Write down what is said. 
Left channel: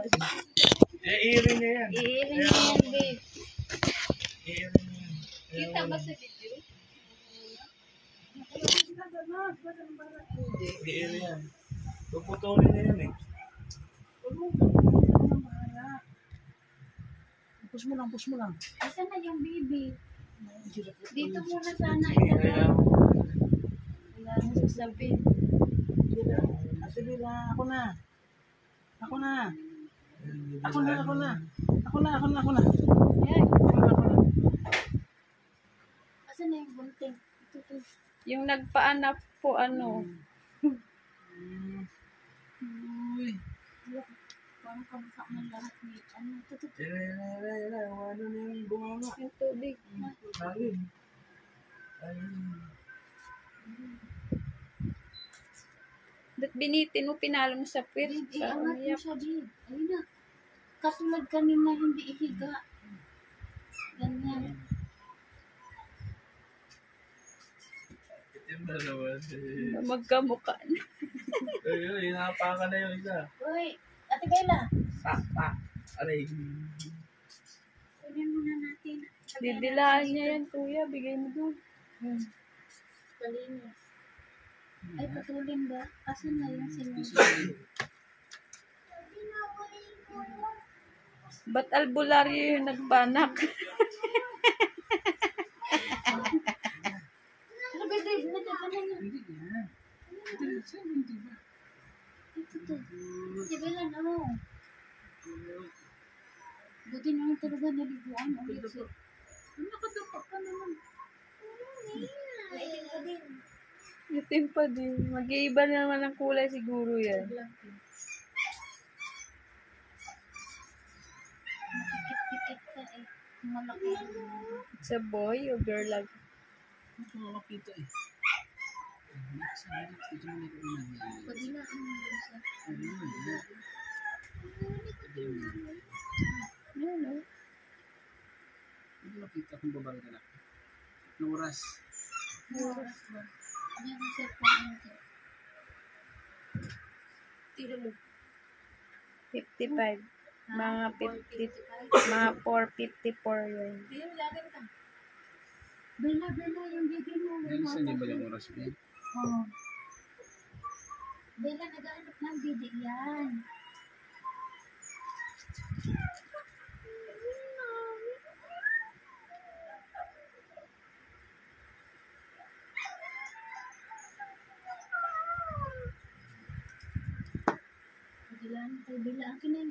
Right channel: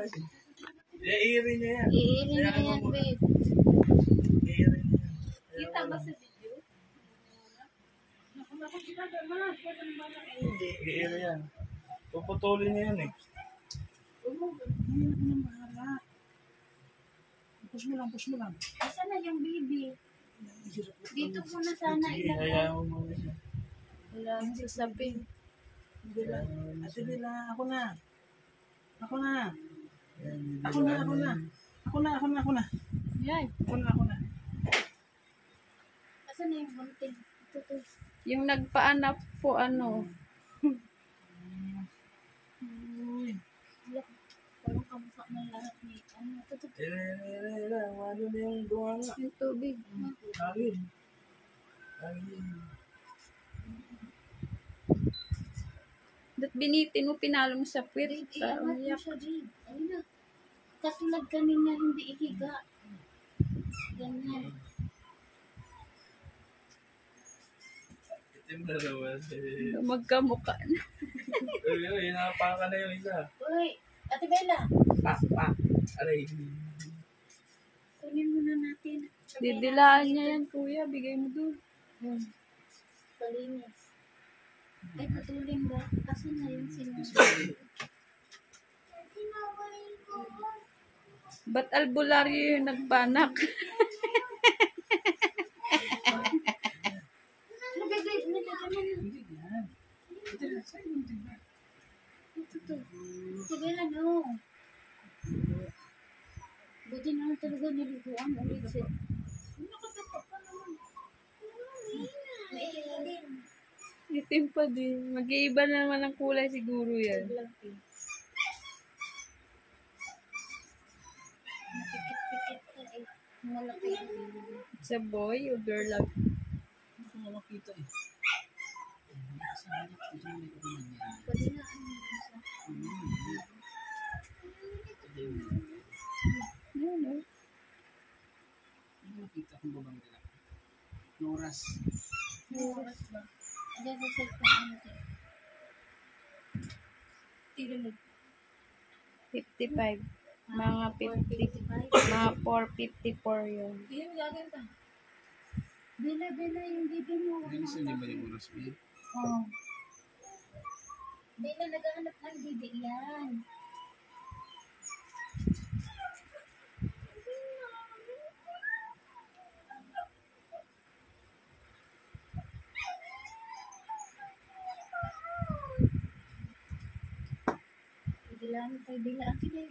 Iirin niya yan. Iirin niya yan, babe. Iirin niya. Kita ba sa video? Iirin yan. Puputulin niya yan eh. Push mo lang, push mo lang. Asa na yung baby? Dito muna sana Kaya ilagay. mo. Wala na sasabihin. Ate Bella, ako na. Ako na. Yan, Ako na, ako na. Ako na, ako na, ako na. Yan. Ako na, ako na. Asa na yung bunting? Ito. Yung nagpaanak po, ano. Uy. Look, parang kamukha ng lahat ni ano. Ito. Ano na yung bunganga? Yung tubig. Hangin. Hangin. Ba't binitin mo, pinalo mo sa pwit? Babe, Parang iangat mo iyak. siya, babe. Ayun na. Katulad kanina, hindi ihiga. Ganyan. Itim na naman. Magkamukha na. Ay, hinapakan na yung isa. Uy, Ate Bella. Pak, pak. Aray. Kunin muna natin. Didilaan niya yan, kuya. Bigay mo doon. Kalinis. Ay, patulin ba? Asan na yung sinunod? Ba't albularyo yung nagpanak? Ano, babe? Nagkakaman na. Hindi yan. Hindi ba? Ito. Ate Bella, no. Buti naman talaga naliguan ulit siya. Nakatapak ka naman. Naitim ka din. Itim pa din. Mag-iiba naman ang kulay siguro yan. Makikit-pikit ka eh. Malaki. It's a boy o girl lang? Hindi ko makita eh. Padilaan mo siya. Yan, no? Hindi makita kung babae ka lang. No oras. Oras ba? Ayan sa cellphone natin. Tira mo. 55. Mga 50. 4:55. Mga 4:54 yun. Bella, yung baby mo. Nalisan niyo ba yung oras mo? Oh. Bella, naghahanap ng didi yan. Bella, kay Bella, akin na yung